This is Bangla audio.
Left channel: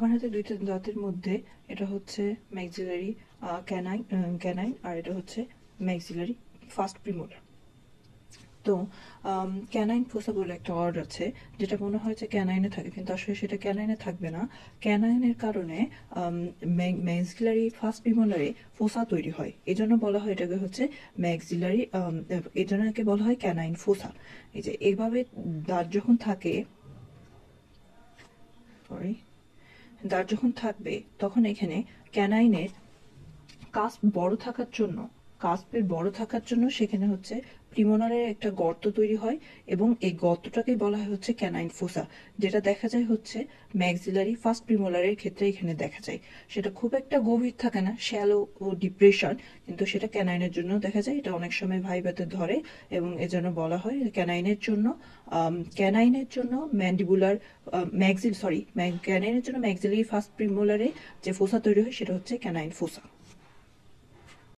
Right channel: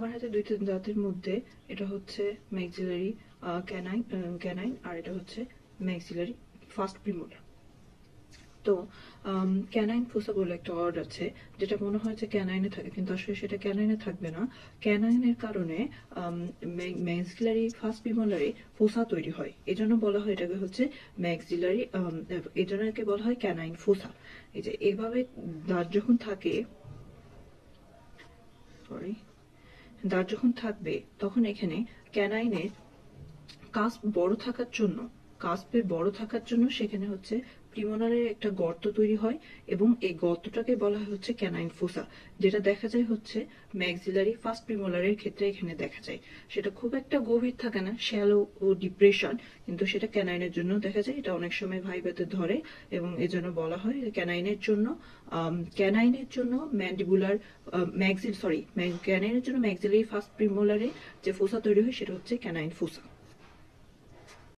আমার হাতে দুইটা দাঁতের মধ্যে এটা হচ্ছে ম্যাক্সিলারি ক্যানাইন আর এটা হচ্ছে ম্যাক্সিলারি ফার্স্ট প্রিমোলার। তো ক্যানাইন ফোসা বলে একটা ওয়ার্ড আছে, যেটা মনে হয় যে ক্যানাইনে থাকে, কিন্তু আসলে সেটা ক্যানাইনে থাকবে না। ক্যানাইনের কারণে ম্যাক্সিলারি ফার্স্ট প্রিমোলারে ফোসা তৈরি হয়, এজন্য বলা হয় এটাকে হচ্ছে ম্যাক্সিলারি, এজন্য একে বলা হয় ক্যানাইন ফোসা। এই যে এইভাবে দাঁত যখন থাকে, সরি, দাঁত যখন থাকবে তখন এখানে ক্যানাইনের কাস্পের বড় থাকার জন্য সেখানে হচ্ছে প্রিমোলারের একটা গর্ত তৈরি হয়, এবং এই গর্তটাকে বলা হয় হচ্ছে ক্যানাইন ফোসা, যেটা দেখা যায় হচ্ছে ম্যাক্সিলারি ফার্স্ট প্রিমোলারের ক্ষেত্রে এখানে দেখা যায়। সেটা খুব একটা গভীর থাকে না, শ্যালো ও ডিপ্রেশন, কিন্তু সেটা ক্যানাইনের জন্য দেখা যায়। এটা অনেক সময় ভাইবাতে ধরে, এবং এজন্য বলা হয় ক্যানাইনের জন্য ম্যান্ডিবুলার ক্যানাইনের জন্য ম্যাক্সিলারি ফার্স্ট প্রিমোলারে যে ফোসা তৈরি হয় সেটা হচ্ছে ক্যানাইন ফোসা।